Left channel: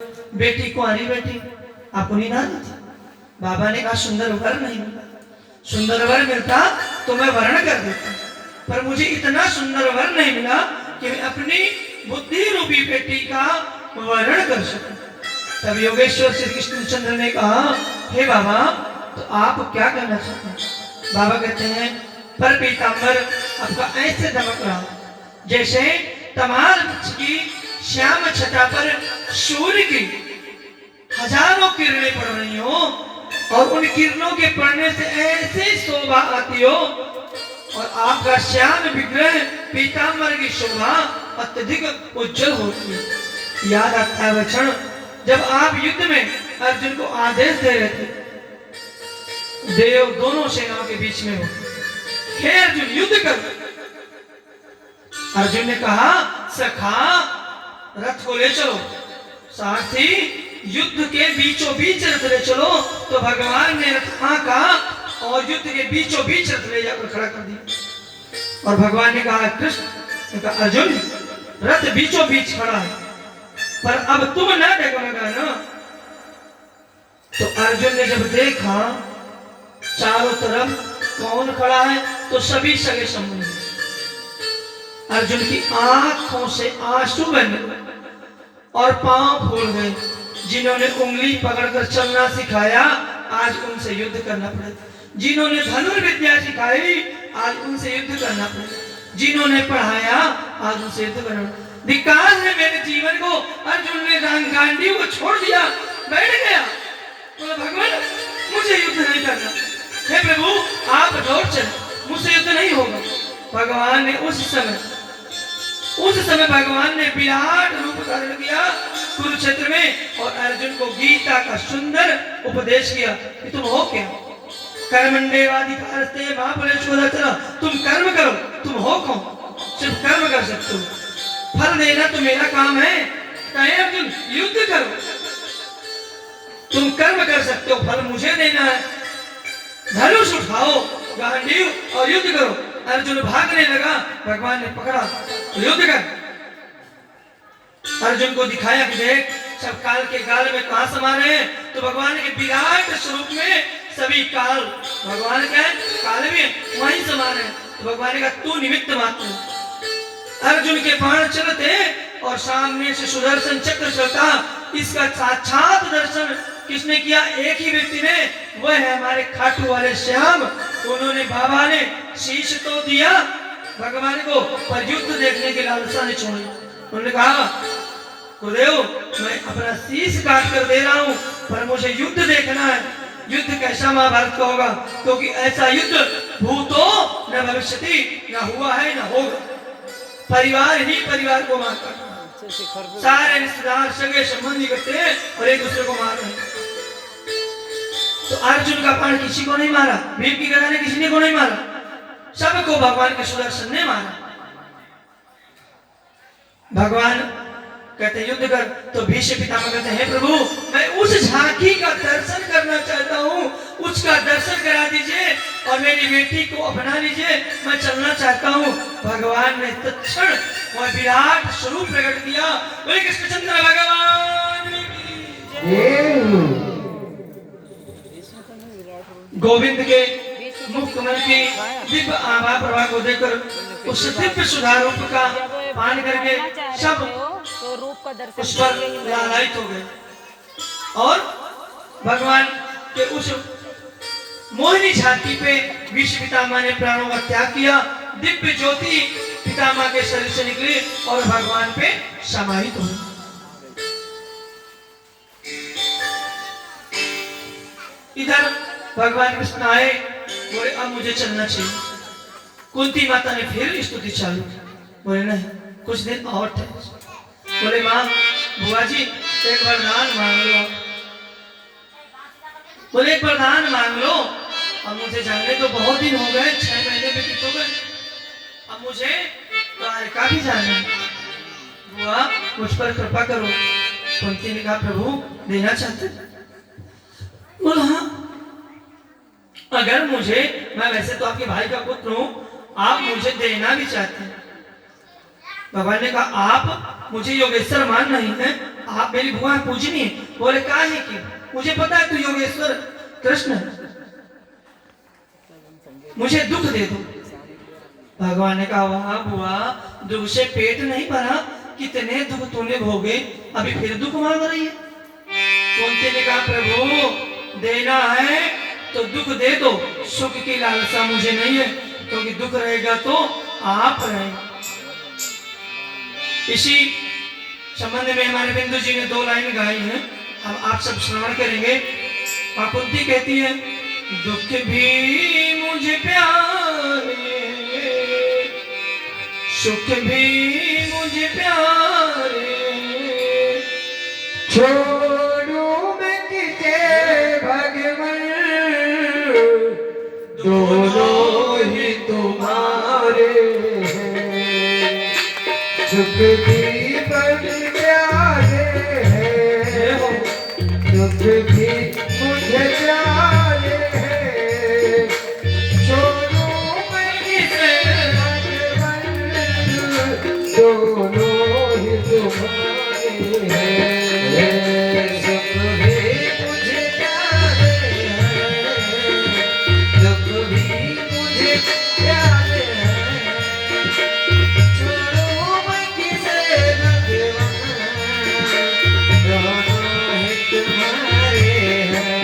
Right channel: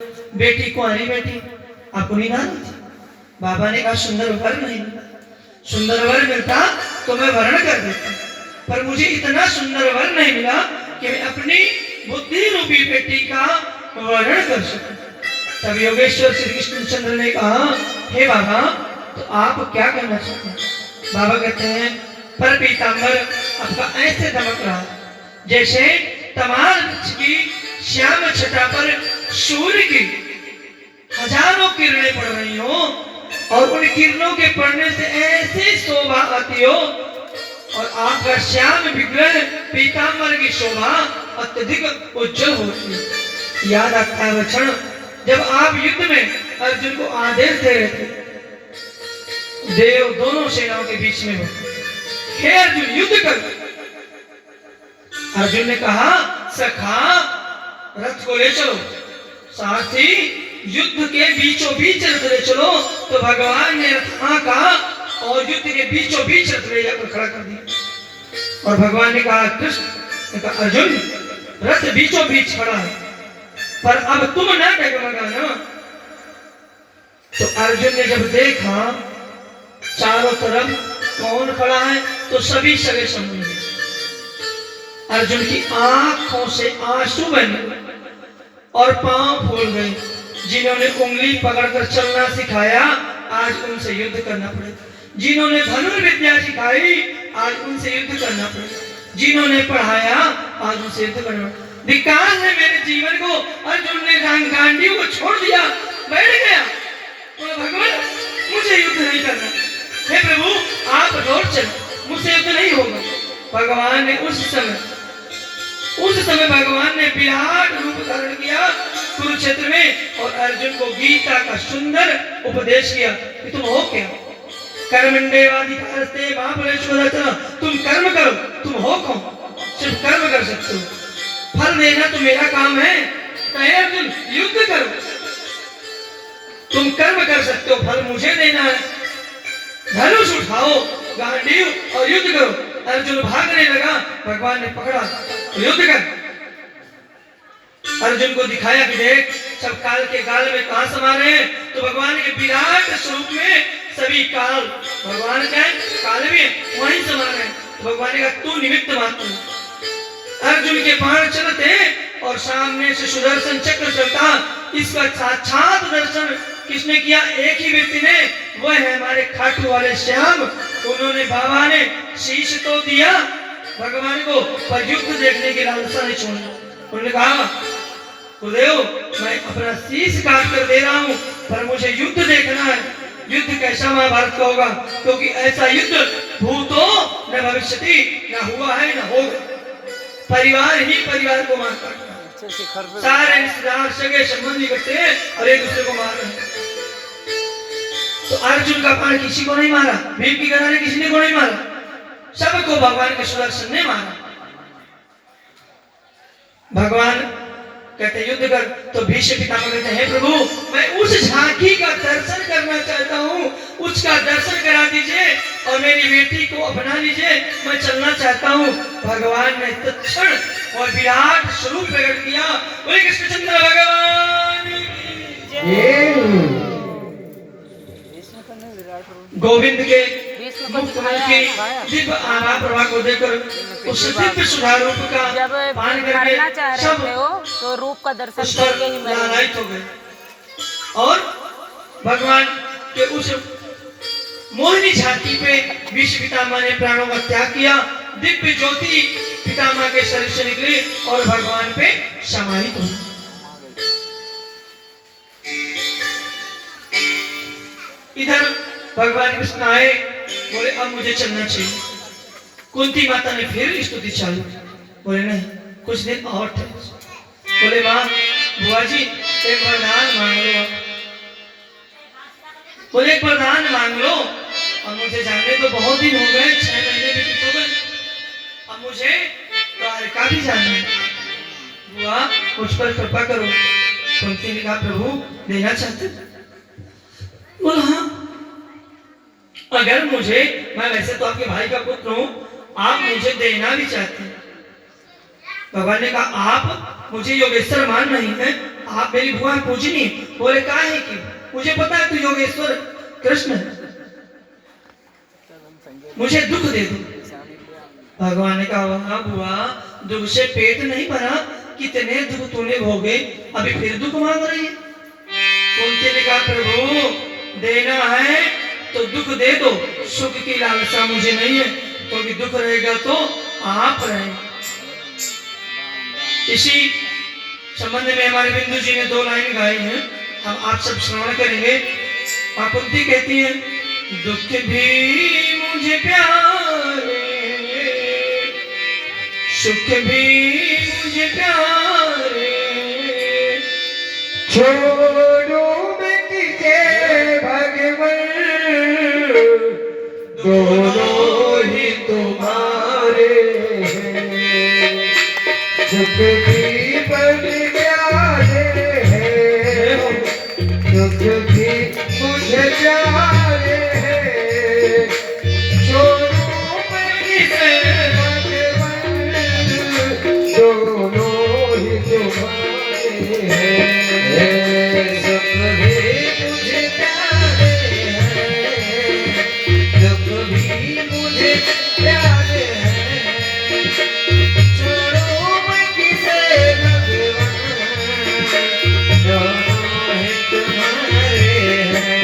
बेटी कुंवारी बेटी अपनी ना थी। बाबा ने कहा सुंदर वर नहीं मिला, सुंदर वर मिलता तो मैं वर्ण कर देता, पर मुझे इतना सुंदर वर नहीं मिला कि मैं अपनी बुद्धि रूपी बेटी का वर्ण कर सकूं। तब योगेश्वर श्री कृष्णचंद्र ने कहा, हे बाबा तो आप क्या करना चाहते हैं? बाबा कहते हैं, पर पीताम्बर आपका ऐसे दमक रहा जैसे तमाल वृक्ष की श्याम छटा पर सूर्य की हजारों किरणें पड़ रही हो और उन किरणों के पड़ने से ऐसी शोभा आती हो, और आपका श्याम विग्रह पीताम्बर की शोभा अत्यधिक उज्जवल होती है। याद आता है क्षण जब आप युद्ध में अर्जुन को आदेश दे रहे थे, देव दोनों सेनाओं के बीच में हो, हे अर्जुन युद्ध कर। अर्जुन ने कहा, सखा रथ को ले चलो, सारथी युद्ध के बीचों बीच रथ ले चलो। तो भगवान ने रथ कहा और युद्ध के बीचों बीच रथ ले जाकर खड़ा कर दिया। और भगवान ने कहा, कृष्ण ने कहा, अर्जुन रथ बीचों बीच खड़ा है, पर अब तुम ना डगमगाना। तो अर्जुन ने जब देखा चारों तरफ कौन खड़ा है, तो सभी सगे संबंधी। अर्जुन की आंखों से आंसू बने और पांव फूल गए। जिन्होंने उंगली पकड़कर चलना सिखाया आज उनसे युद्ध करना पड़े, जिन्होंने धनुर्विद्या सिखाई आज उनसे युद्ध करना पड़े, जिन्होंने पढ़ाया आज उनसे युद्ध करना पड़े। विकास ने मेरे जीवन को, अर्जुन ने गांडीव को छोड़ दिया, बैठ गया, बोला भगवान मुझे युद्ध नहीं करना, हे प्रभु आप लौट चले, मुझसे युद्ध नहीं होगा। भगवान ने उस समय भगवान ने विराट रूप धारण किया कुरुक्षेत्र में और अर्जुन को गीता का सुंदर उपदेश किया कि तुम हो क्या, कर्मण्येवाधिकारस्ते मा फलेषु कदाचन, तुम कर्म करो, तुम हो कौन, सिर्फ कर्म कर सकते हो, फल देना तो मेरा काम है। कहे अर्जुन युद्ध करो, तुम कर्म कर सकते हो, फल मुझे देना है, धनुष उठाओ गांडीव और युद्ध करो। अर्जुन भागने लगा, भगवान ने पकड़ा, युद्ध कर। अर्जुन को दिखाया कि देख सब काल के काल में कहां समा रहे हैं, तो भगवान के विराट स्वरूप में सभी काल, भगवान क्या है काल भी है, वहीं समा रहे हैं। तो भगवान ने कहा तू निमित्त मात्र। अर्जुन के बाण चलते और सामने से सुदर्शन चक्र चलता, इसका साक्षात दर्शन किसने किया? एक ही व्यक्ति ने, वह है हमारे खाटू वाले श्याम। उन्होंने बाबा ने शीश तो दिया भगवान को, पर युद्ध देखने की लालसा नहीं छोड़ी। उन्होंने कहा गुरुदेव मैं अपना शीश काट कर दे रहा हूं, पर मुझे युद्ध देखना है। युद्ध कैसा महाभारत का होगा, क्योंकि ऐसा युद्ध भूतो न भविष्यति, न हुआ है न होगा। परिवार ही परिवार को मार काटता है, सारे रिश्तेदार सगे संबंधी करते हैं और एक दूसरे को मार रहे हैं। तो अर्जुन का बाण किसी को नहीं मारा, भीम की गदा ने किसी को नहीं मारा, सबको भगवान के सुदर्शन ने मारा। भगवान कहते युद्ध कर, तो भीष्म पितामह कहते हैं प्रभु मैं उस झांकी का दर्शन करना चाहता हूँ, उसका दर्शन करा दीजिए और मेरी बेटी को अपना लीजिए, मैं चलना चाहता हूँ। भगवान ने तत्क्षण और विराट स्वरूप प्रकट किया। बोले कृष्णचंद्र भगवान गोविंद के मुख्यमंत्री दिव्य आभा प्रभा को देखकर उस दिव्य सुधार रूप का पान करके सब तो रूप का दर्शन उस पर लालायित हो गए और भगवान के उस मोहिनी झांकी पे भीष्म पितामह ने प्राणों का त्याग किया। दिव्य ज्योति पितामह के शरीर से निकली और भगवान पे समाहित हो गई। इधर भगवान कृष्ण आए, बोले अब मुझे चलना चाहिए। कुंती माता ने फिर स्तुति चालू, बोले नहीं कुछ दिन और ठहर। बोले माँ बुआ जी एक वरदान मांग लो। बोले एक वरदान मांग लो, अब मुझे जाने तो बहुत दिन हो गए, 6 महीने व्यतीत हो गए, अब मुझे द्वारका भी जाना है, बुआ मुझ पर कृपा करो। कुंती ने कहा प्रभु देना चाहते? बोला हाँ अगर मुझे, मैं वैसे तो आपके भाई का पुत्र हूं, आप मुझे देना भी चाहते हैं। भगवान ने कहा आप मुझे योगेश्वर मान नहीं है, आप मेरी भगवान पूजनी। बोले का है कि मुझे पता है तू योगेश्वर कृष्ण है, मुझे दुख दे दो। भगवान ने कहा वाह बुआ, दुख से पेट नहीं भरा, कितने दुख तूने भोगे, अभी फिर दुख मांग रही है। कुंती ने कहा प्रभु देना है तो दुख दे दो, सुख की लालसा मुझे नहीं है, क्योंकि दुख रहेगा तो आप रहेंगे। इसी संबंध में हमारे बिंदु जी ने 2 लाइन गाई हैं, हम आप सब श्रवण करेंगे। मां कुंती कहती है दुख भी मुझे प्यारे, सुख भी मुझे प्यारे, छोड़ो मैं किसे भगवान, दोनों ही तुम्हारे हैं, सुख भी बड़े प्यारे हैं, दुख भी मुझे प्यारे हैं, छोड़ो मैं किसे भगवान, दोनों ही तुम्हारे हैं, सुख भी मुझे प्यारे हैं, दुख भी मुझे प्यारे हैं, छोड़ो मैं किसे भगवान, दोनों ही तुम्हारे हैं।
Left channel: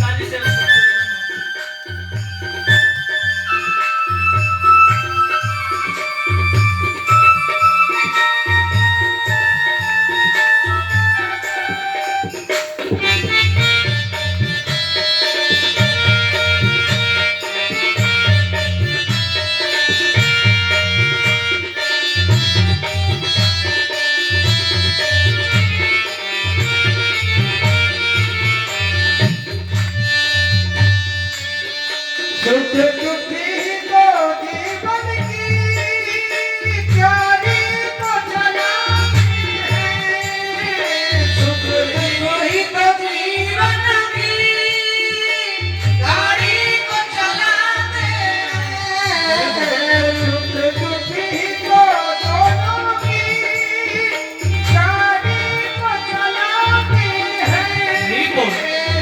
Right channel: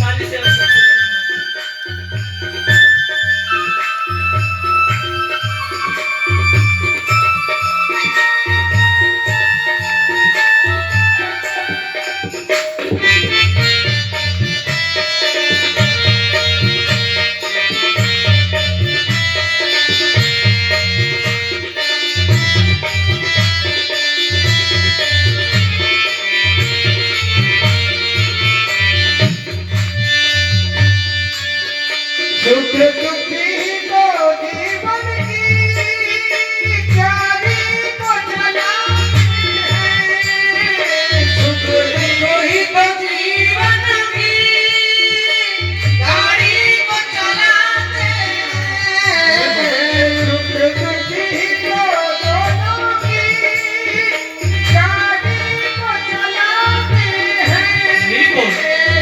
ताली से सुख दुखी को जीवन की चारी को चलाते हैं, सुख दुखी को जीवन की गाड़ी को चलाते हैं, सुख दुखी को दोनों की गाड़ी को चलाते हैं,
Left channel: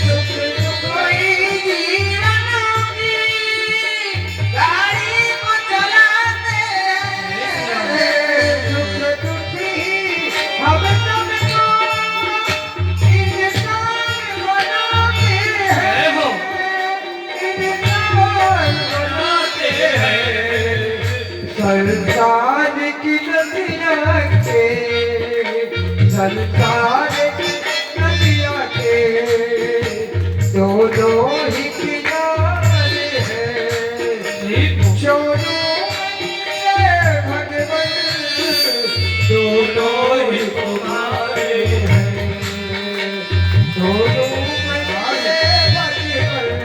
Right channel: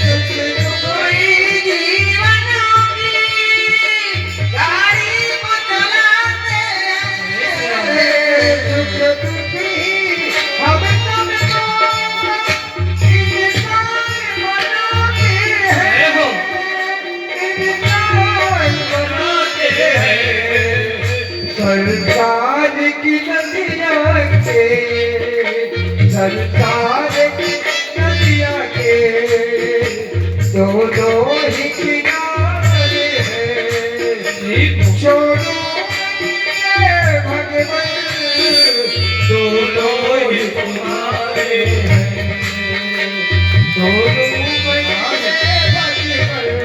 सुख दुखी जीवन गाड़ी को चलाते हैं, सुख दुखी हम सबको इंसान बनाते हैं, इंसान बनाते हैं, सरकार की नदियाँ के, सरकार की नदियाँ के दोनों ही किनारे हैं, छोड़ो मेरे भगवान, दोनों ही तुम्हारे हैं, दोनों मेरे भगवान,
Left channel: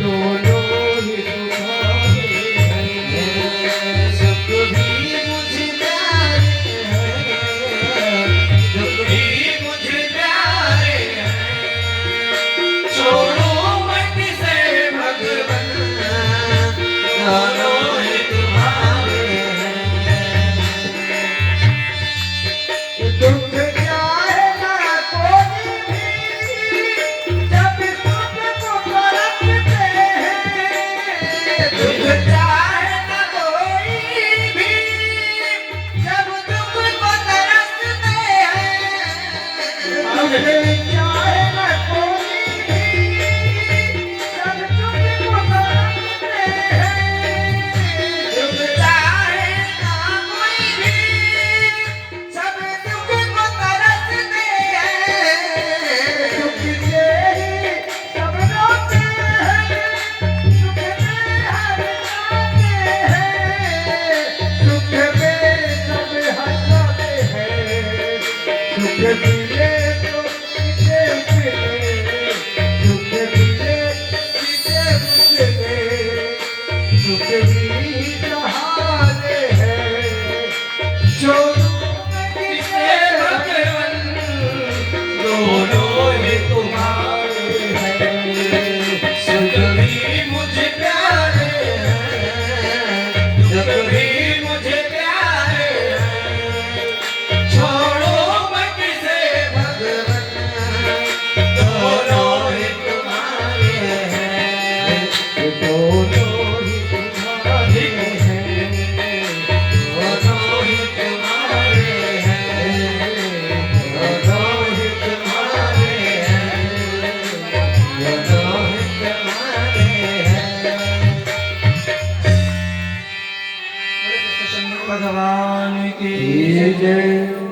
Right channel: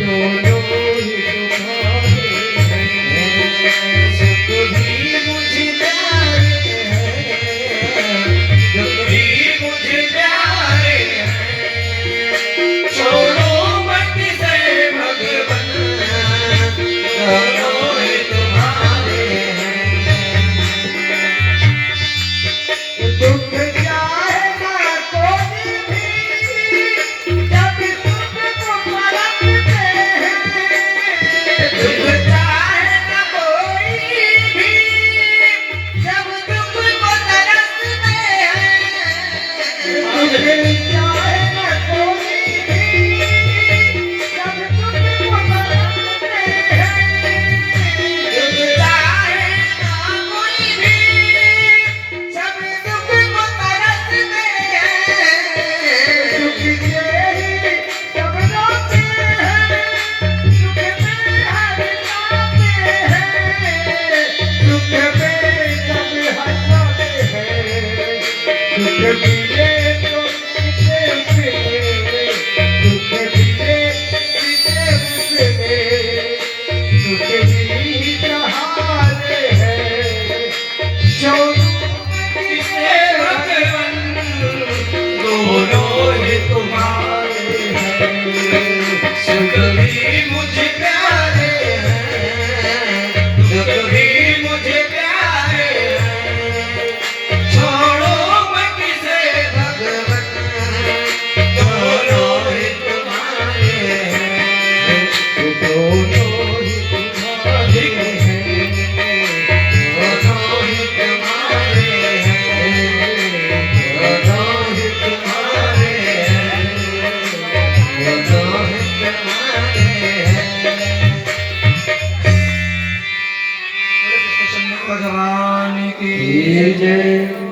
दोनों ही तुम्हारे हैं, सुख भी मुझे प्यारे हैं, दुख भी मुझे प्यारे हैं, छोड़ो मैं किसे भगवान, दोनों ही तुम्हारे हैं, दुख चाहे ना कोई भी, जब सुख को परखते हैं, दुख चाहे ना कोई भी, जब दुख को तरसते हैं, दुख चाहे ना कोई भी, जब दुख को तरसते हैं, दुख चाहे ना कोई भी, जब दुख को तरसते हैं, दुख से ही सब रोते हैं, सुख में हर जाते हैं, सुख में सब हंसते हैं, सुख मिले तो किसे मिले, सुख मिले किसे मिले, सुख भी सहारे हैं, छोड़ो किसे भगवान, दोनों ही तुम्हारे हैं, सुख भी मुझे प्यारे हैं, दुख भी मुझे प्यारे दोनों ही तुम्हारे हैं, दोनों ही तुम्हारे हैं, दोनों ही तुम्हारे हैं, दोनों ही तुम्हारे हैं। बोले कृष्ण भगवान की जय।